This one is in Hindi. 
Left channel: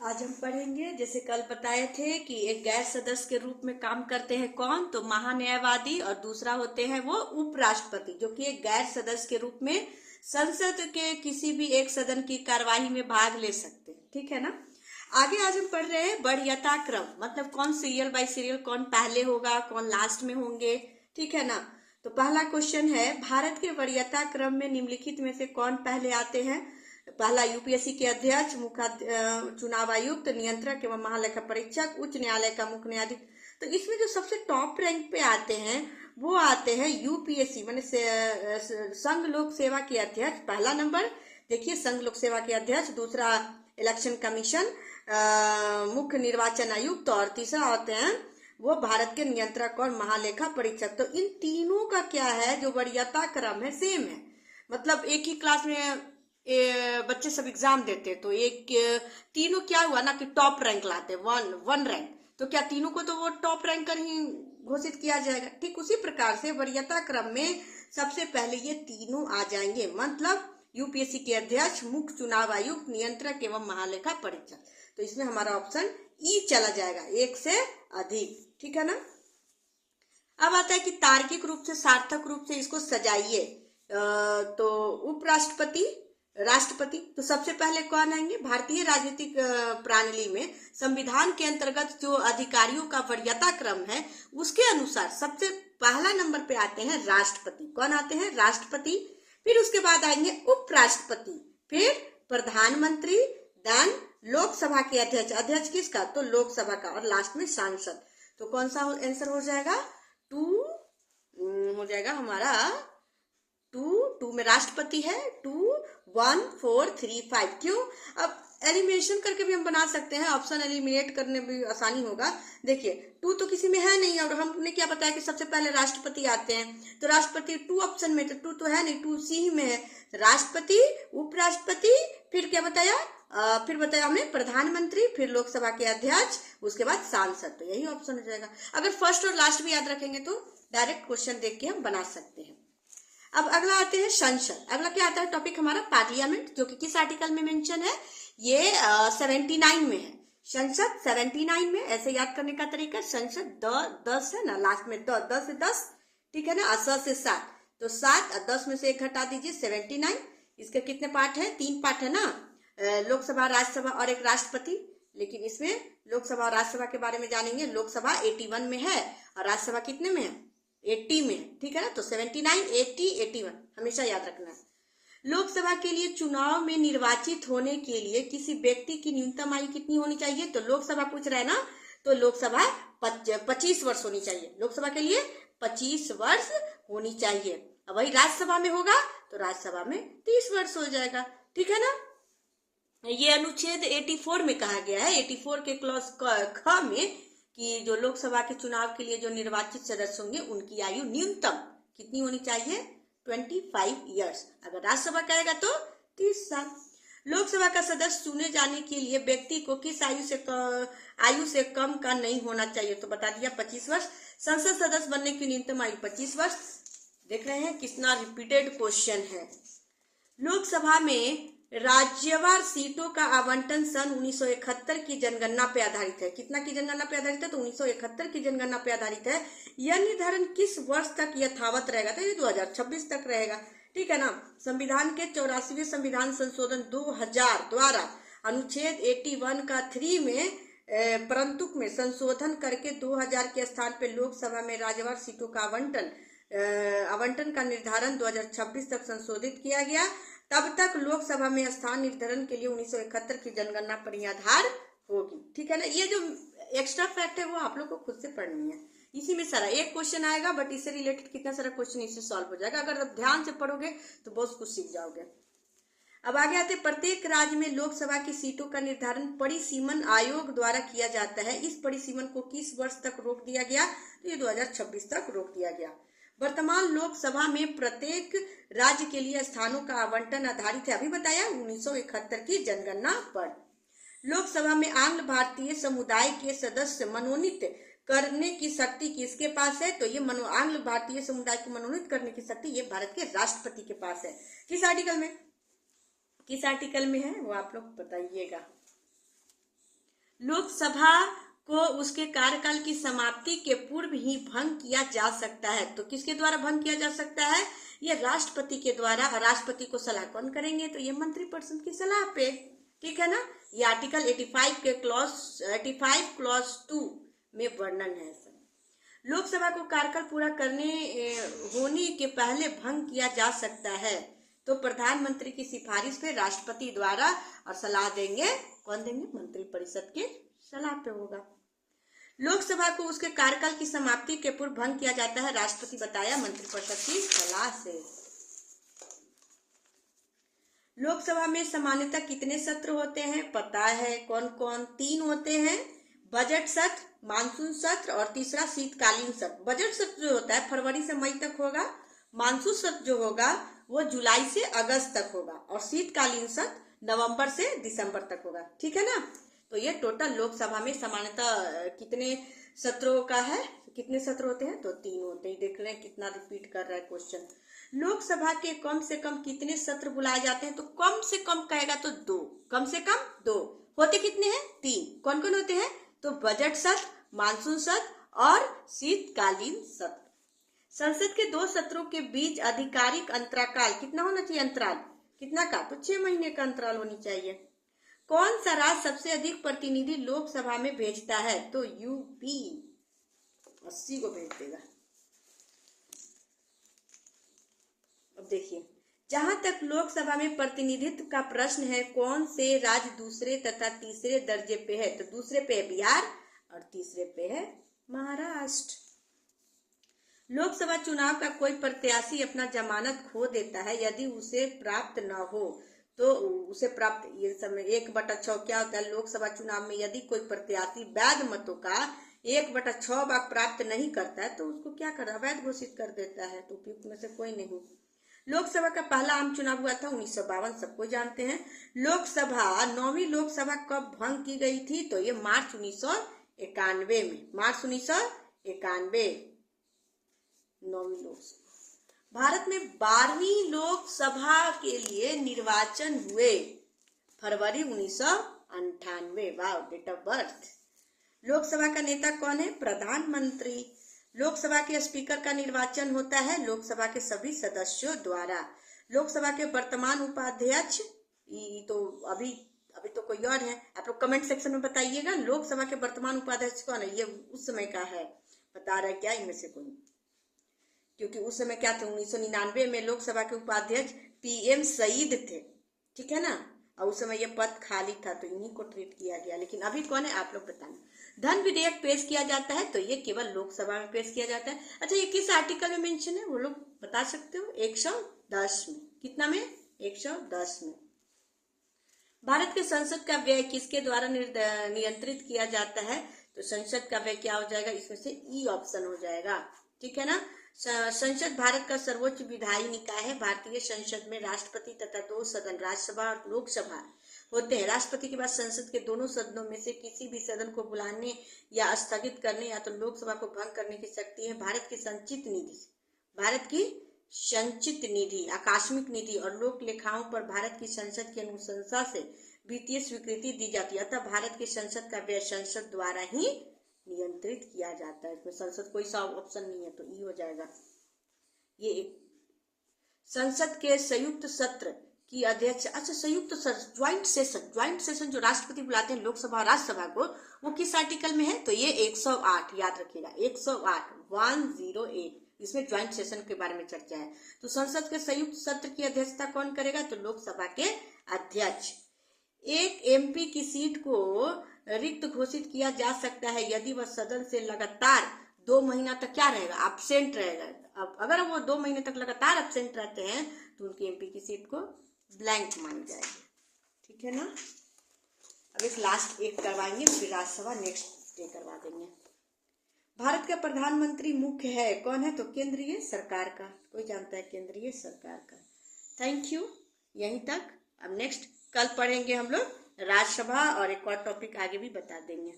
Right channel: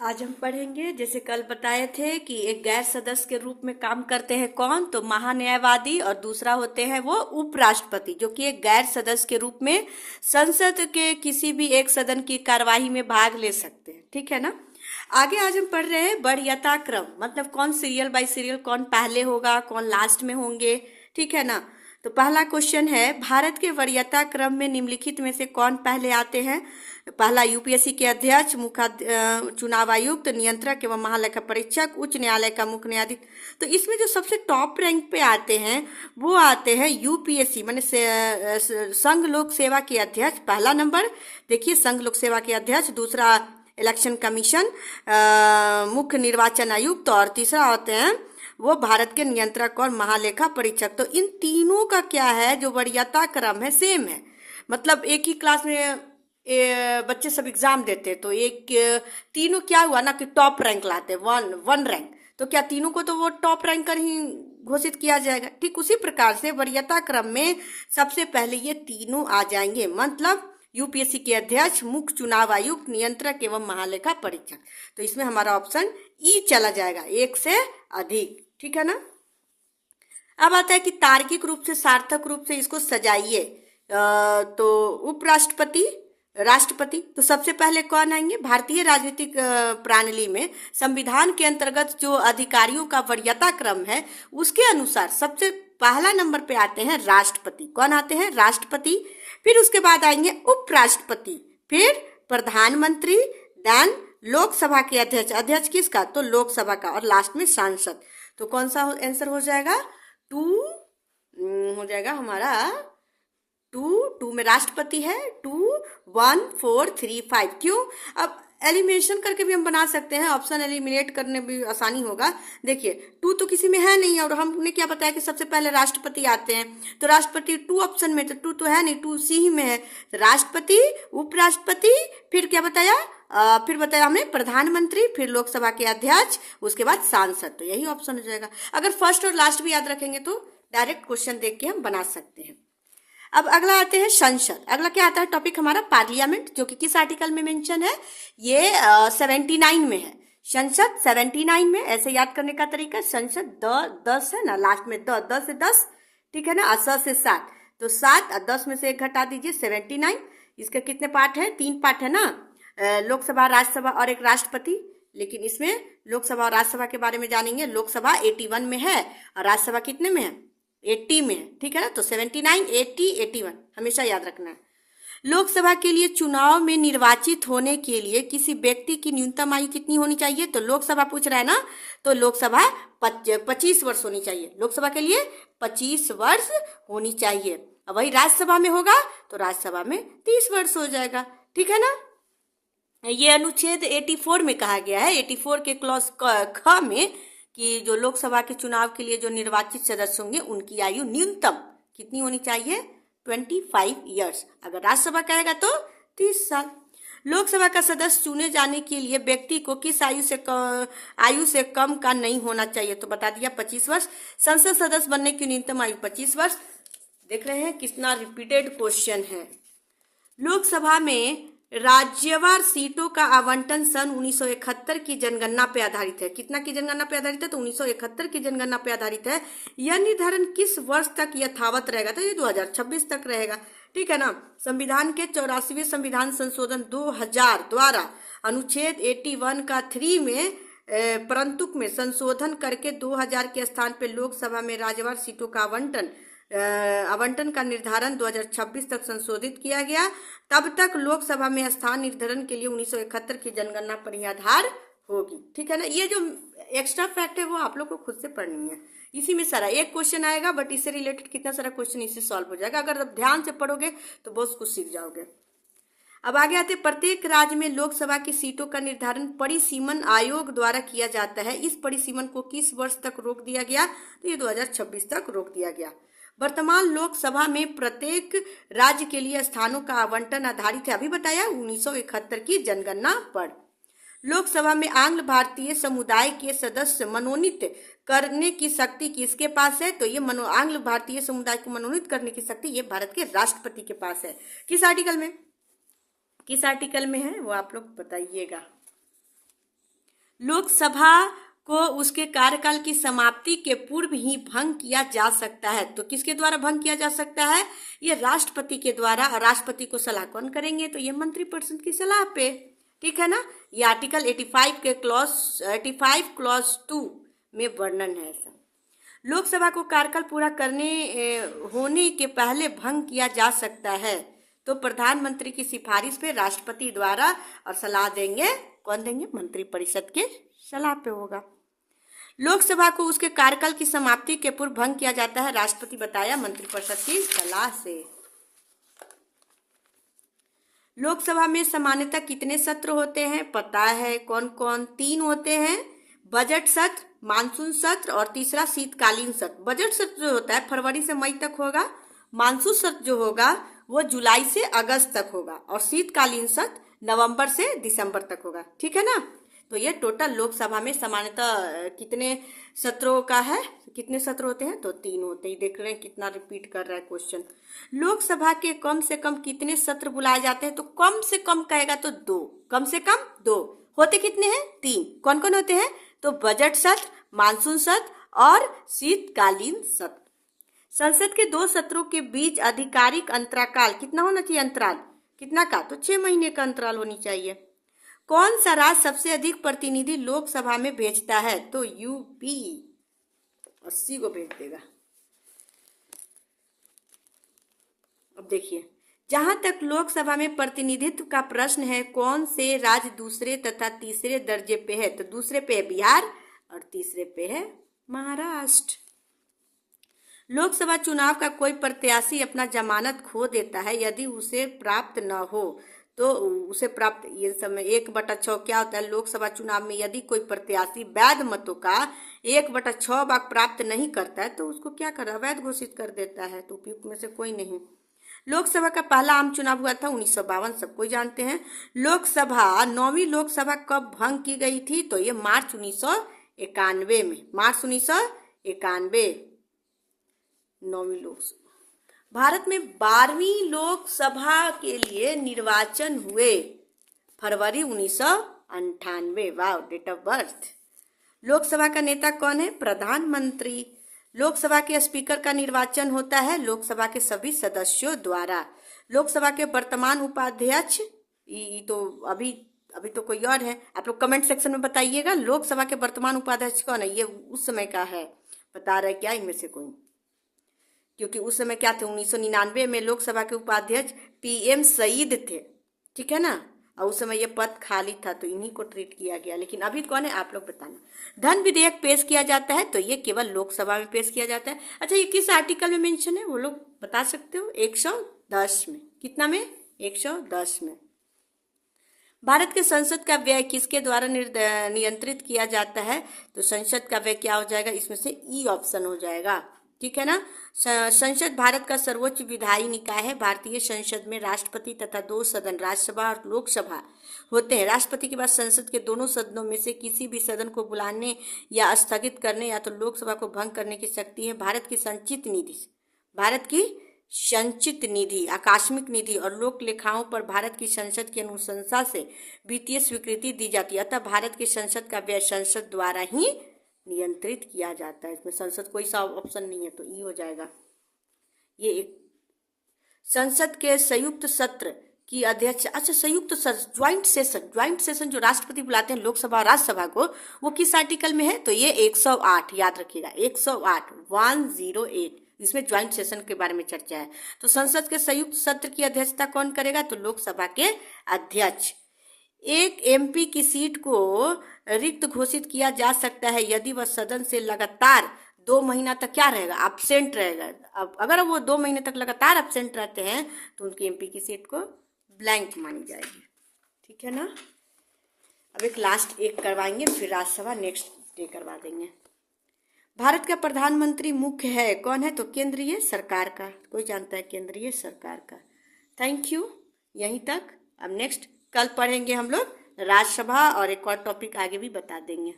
आज हम पढ़ेंगे, जैसे कल बताए थे कि एक गैर सदस्य के रूप में काम करते हैं कौन, तो महान्यायवादी, और दूसरा होते हैं वो उपराष्ट्रपति, जो कि एक गैर सदस्य के रूप में संसद के किसी भी एक सदन की कार्यवाही में भाग ले सकते हैं। ठीक है ना। आगे आज हम पढ़ रहे हैं वरीयता क्रम, मतलब कौन सीरियल बाय सीरियल, कौन पहले होगा, कौन लास्ट में होंगे। ठीक है ना। तो पहला क्वेश्चन है, भारत के वरीयता क्रम में निम्नलिखित में से कौन पहले आते हैं। पहला, यूपीएससी के अध्यक्ष, मुख्य चुनाव आयुक्त, नियंत्रक एवं महालेखा परीक्षक, उच्च न्यायालय का मुख्य न्यायाधीश। तो इसमें जो सबसे टॉप रैंक पे आते हैं वो आते हैं यूपीएससी, माने संघ लोक सेवा के अध्यक्ष, पहला नंबर। देखिए, संघ लोक सेवा के अध्यक्ष, दूसरा इलेक्शन कमीशन, मुख्य निर्वाचन आयुक्त, और तीसरा होते हैं वो भारत के नियंत्रक और महालेखा परीक्षक। तो इन तीनों का क्या है, जो वरीयता क्रम है, सेम है। मतलब एक ही क्लास में बच्चे सब एग्जाम देते, तो एक तीनों क्या हुआ ना कि टॉप रैंक लाते, वन वन रैंक। तो क्या तीनों को तो वो टॉप रैंकर ही घोषित किया जाएगा। ठीक उसी प्रकार से वरीयता क्रम में सबसे पहले ये तीनों आ जाएंगे, मतलब यूपीएससी के अध्यक्ष, मुख्य चुनाव आयुक्त, नियंत्रक एवं महालेखा परीक्षक। तो इसमें हमारा ऑप्शन ई चला जाएगा, एक से अधिक। ठीक है ना। अब आता है कि तार्किक रूप से, सार्थक रूप से इसको सजाइए। तो उपराष्ट्रपति, राष्ट्रपति, तो सबसे पहले कौन आएंगे। भारतीय राजनीतिक प्रणाली में संविधान के अंतर्गत जो अधिकारियों का वरीयता क्रम है, उसके अनुसार सबसे पहला नंबर पे आते हैं राष्ट्रपति। कौन आते हैं, राष्ट्रपति। फिर उसके बाद आएंगे उपराष्ट्रपति, फिर प्रधानमंत्री, देन लोकसभा के अध्यक्ष। अध्यक्ष किसका, तो लोकसभा का, और लास्ट में सांसद। तो कौन सा आंसर हो जाएगा, टू हो जाएगा हमारा। टू में राष्ट्रपति है, 2 1 4 3 5। क्यों, अब एलिमिनेशन करके भी हम बना सकते हैं, ऑप्शन एलिमिनेट करने भी आसानी होगा। देखिए, टू तो किसी में है नहीं, और हमने क्या बताया कि सबसे पहले राष्ट्रपति आते हैं, तो राष्ट्रपति 2 ऑप्शन में, तो 2 तो है नहीं, 2 सी ही में है। राष्ट्रपति, उपराष्ट्रपति, फिर क्या बताया, फिर बताया हमने प्रधानमंत्री, फिर लोकसभा के अध्यक्ष, उसके बाद सांसद। तो यही ऑप्शन हो जाएगा। अगर फर्स्ट और लास्ट भी याद रखेंगे तो डायरेक्ट क्वेश्चन देख के हम बना सकते हैं। अब अगला आते हैं संसद। अगला क्या आता है टॉपिक हमारा, पार्लियामेंट, जो कि किस आर्टिकल में मेंशन है, ये 79 में है। संसद 79 में, ऐसे याद करने का तरीका, संसद 10 है ना, लास्ट में 10 से 10। ठीक है ना, 7 से 7, तो 7 और 10 में से एक घटा दीजिए, 79। इसके कितने पार्ट है, 3 पार्ट है ना, लोकसभा, राज्यसभा और एक राष्ट्रपति। लेकिन इसमें लोकसभा और राज्यसभा के बारे में जानेंगे। लोकसभा 81 में है और राज्यसभा कितने में है, 80 में है। ठीक है ना, तो 79, 80, 81 हमेशा याद रखना है। लोकसभा के लिए चुनाव में निर्वाचित होने के लिए किसी व्यक्ति की न्यूनतम आयु कितनी होनी चाहिए, तो लोकसभा पूछ रहा है ना, तो लोकसभा 25 वर्ष होनी चाहिए। लोकसभा के लिए 25 वर्ष होनी चाहिए। अब वही राज्यसभा में होगा तो राज्यसभा में 30 वर्ष हो जाएगा। ठीक है ना। ये अनुच्छेद 84 में कहा गया है, 84 के क्लॉज ख में, कि जो लोकसभा के चुनाव के लिए जो निर्वाचित सदस्य होंगे उनकी आयु न्यूनतम कितनी होनी चाहिए, 25 ईयर्स। अगर राज्यसभा कहेगा तो 30 साल। लोकसभा का सदस्य चुने जाने के लिए व्यक्ति को किस आयु से कम का नहीं होना चाहिए, तो बता दिया 25 वर्ष। संसद सदस्य बनने की न्यूनतम आयु 25 वर्ष। देख रहे हैं कितना रिपीटेड क्वेश्चन है। लोकसभा में राज्यवार सीटों का आवंटन सन 1971 की जनगणना पे आधारित है। कितना की जनगणना पे आधारित है, तो 1971 की जनगणना पे आधारित है। यह निर्धारण किस वर्ष तक यथावत रहेगा, तो ये 2026 तक रहेगा। ठीक है ना। संविधान के 84वें संविधान संशोधन 2000 द्वारा अनुच्छेद 81 का 3 में परंतु में संशोधन करके 2000 के स्थान पे लोकसभा में राज्यवार सीटों का आवंटन का निर्धारण 2026 तक संशोधित किया गया। तब तक लोकसभा में स्थान निर्धारण के लिए 1971 की जनगणना पर ही आधार होगी। ठीक है ना। ये जो एक्स्ट्रा फैक्ट है वो आप लोग को खुद से पढ़नी है। इसी में सारा एक क्वेश्चन आएगा, बट इससे रिलेटेड कितना सारा क्वेश्चन इससे सॉल्व हो जाएगा। अगर आप ध्यान से पढ़ोगे तो बहुत कुछ सीख जाओगे। अब आगे आते, प्रत्येक राज्य में लोकसभा की सीटों का निर्धारण परिसीमन आयोग द्वारा किया जाता है। इस परिसीमन को किस वर्ष तक रोक दिया गया, तो ये 2026 तक रोक दिया गया। वर्तमान लोकसभा में प्रत्येक राज्य के लिए स्थानों का आवंटन आधारित है, अभी बताया 1971 की जनगणना पर। लोकसभा में आंग्ल भारतीय समुदाय के सदस्य मनोनीत करने की शक्ति किसके पास है, तो ये आंग्ल भारतीय समुदाय को मनोनीत करने की शक्ति ये भारत के राष्ट्रपति के पास है। किस आर्टिकल में है वो आप लोग बताइएगा। लोकसभा को उसके कार्यकाल की समाप्ति के पूर्व ही भंग किया जा सकता है। तो किसके द्वारा भंग किया जा सकता है? ये राष्ट्रपति के द्वारा। राष्ट्रपति को सलाह कौन करेंगे? तो ये मंत्रिपरिषद की सलाह पे, ठीक है ना। ये आर्टिकल 85 क्लॉज 2 में वर्णन है ऐसा। लोकसभा को कार्यकाल पूरा करने होने के पहले भंग किया जा सकता है। तो प्रधानमंत्री की सिफारिश पे राष्ट्रपति द्वारा, और सलाह देंगे कौन देंगे? मंत्रिपरिषद के सलाह पे होगा। लोकसभा को उसके कार्यकाल की समाप्ति के पूर्व भंग किया जाता है, राष्ट्रपति बताया, मंत्रिपरिषद की सलाह से। लोकसभा में सामान्यतः कितने सत्र होते हैं? पता है कौन कौन? 3 होते हैं, बजट सत्र, मानसून सत्र और तीसरा शीतकालीन सत्र। बजट सत्र जो होता है फरवरी से मई तक होगा, मानसून सत्र जो होगा वो जुलाई से अगस्त तक होगा, और शीतकालीन सत्र नवंबर से दिसंबर तक होगा, ठीक है ना। तो ये टोटल लोकसभा में सामान्यतः कितने सत्रों का है? कितने सत्र होते हैं? तो 3 होते हैं। देख रहे हैं कितना रिपीट कर रहा है क्वेश्चन। लोकसभा के कम से कम कितने सत्र बुलाए जाते हैं? तो कम से कम कहेगा तो 2, कम से कम 2। होते कितने हैं? 3। कौन कौन होते हैं? तो बजट सत्र, मानसून सत्र और शीतकालीन सत्र। संसद के 2 सत्रों के बीच आधिकारिक अंतराल कितना होना चाहिए? अंतराल कितना का? तो 6 महीने का अंतराल होनी चाहिए। कौन सा राज्य सबसे अधिक प्रतिनिधि लोकसभा में भेजता है? तो यूपी 80 को भेज देगा। अब देखिए, जहां तक लोकसभा में प्रतिनिधित्व का प्रश्न है, कौन से राज्य दूसरे तथा तीसरे दर्जे पे है? तो दूसरे पे है बिहार और तीसरे पे है महाराष्ट्र। लोकसभा चुनाव का कोई प्रत्याशी अपना जमानत खो देता है यदि उसे प्राप्त न हो, तो उसे प्राप्त, ये समय 1/6 क्या होता है? लोकसभा चुनाव में यदि कोई प्रत्याशी वैध मतों का 1/6 भाग प्राप्त नहीं करता है तो उसको क्या कर, अवैध घोषित कर देता है। तो उपयुक्त में से कोई नहीं। लोकसभा का पहला आम चुनाव हुआ था 1952, सबको जानते हैं। लोकसभा 9वीं लोकसभा कब भंग की गई थी? तो ये मार्च 1991 में, मार्च 1991 9वीं लोकसभा। भारत में 12वीं लोकसभा के लिए निर्वाचन हुए फरवरी 1998। वाह, डेट ऑफ बर्थ। लोकसभा का नेता कौन है? प्रधानमंत्री। लोकसभा के स्पीकर का निर्वाचन होता है लोकसभा के सभी सदस्यों द्वारा। लोकसभा के वर्तमान उपाध्यक्ष, तो अभी तो कोई और है, आप लोग कमेंट सेक्शन में बताइएगा। लोकसभा के वर्तमान उपाध्यक्ष कौन है? ये उस समय का है, बता रहे क्या इनमें से कोई? क्योंकि उस समय क्या थे? 1999 में लोकसभा के उपाध्यक्ष PM सईद थे, ठीक है ना। और उस समय ये पद खाली था तो इन्हीं को ट्रीट किया गया। लेकिन अभी कौन है आप लोग बताना। धन विधेयक पेश किया जाता है तो ये केवल लोकसभा में पेश किया जाता है। अच्छा, ये किस आर्टिकल में मेंशन है वो लोग बता सकते हो? 110 में। कितना में? 110 में। भारत के संसद का व्यय किसके द्वारा नियंत्रित किया जाता है? तो संसद का व्यय क्या हो जाएगा? इसमें से ई ऑप्शन हो जाएगा, ठीक है ना। संसद भारत का सर्वोच्च विधायी निकाय है। भारतीय संसद में राष्ट्रपति तथा 2 सदन, राज्यसभा और लोकसभा होते हैं। राष्ट्रपति के बाद संसद के दोनों सदनों में से किसी भी सदन को बुलाने या स्थगित करने या तो लोकसभा को भंग करने की शक्ति है। भारत की संचित निधि, आकस्मिक निधि और लोक लेखाओं पर भारत की संसद की अनुशंसा से वित्तीय स्वीकृति दी जाती है। अतः भारत की संसद का व्यय संसद द्वारा ही नियंत्रित किया जाता है। इसमें संसद कोई सा ऑप्शन नहीं है तो ई हो जाएगा। ये एक संसद के संयुक्त सत्र की अध्यक्ष, अच्छा संयुक्त सत्र, ज्वाइंट सेशन जो राष्ट्रपति बुलाते हैं लोकसभा राज्यसभा को, वो किस आर्टिकल में है? तो ये 108, याद रखिएगा 108 इसमें ज्वाइंट सेशन के बारे में चर्चा है। तो संसद के संयुक्त सत्र की अध्यक्षता कौन करेगा? तो लोकसभा के अध्यक्ष। एक MP की सीट को रिक्त घोषित किया जा सकता है यदि वह सदन से लगातार 2 महीना तक क्या रहेगा? एब्सेंट रहेगा। अब अगर वो 2 महीने तक लगातार एब्सेंट रहते हैं तो उनकी MP की सीट को ब्लैंक मानी जाएगी, ठीक है ना। अब एक लास्ट एक करवाएंगे, फिर राज्यसभा नेक्स्ट डे करवा देंगे। भारत का प्रधानमंत्री मुख्य है, कौन है? तो केंद्रीय सरकार का। कोई जानता है? केंद्रीय सरकार का। थैंक यू, यहीं तक। अब नेक्स्ट कल पढ़ेंगे हम लोग राज्यसभा और एक और टॉपिक आगे भी बता देंगे।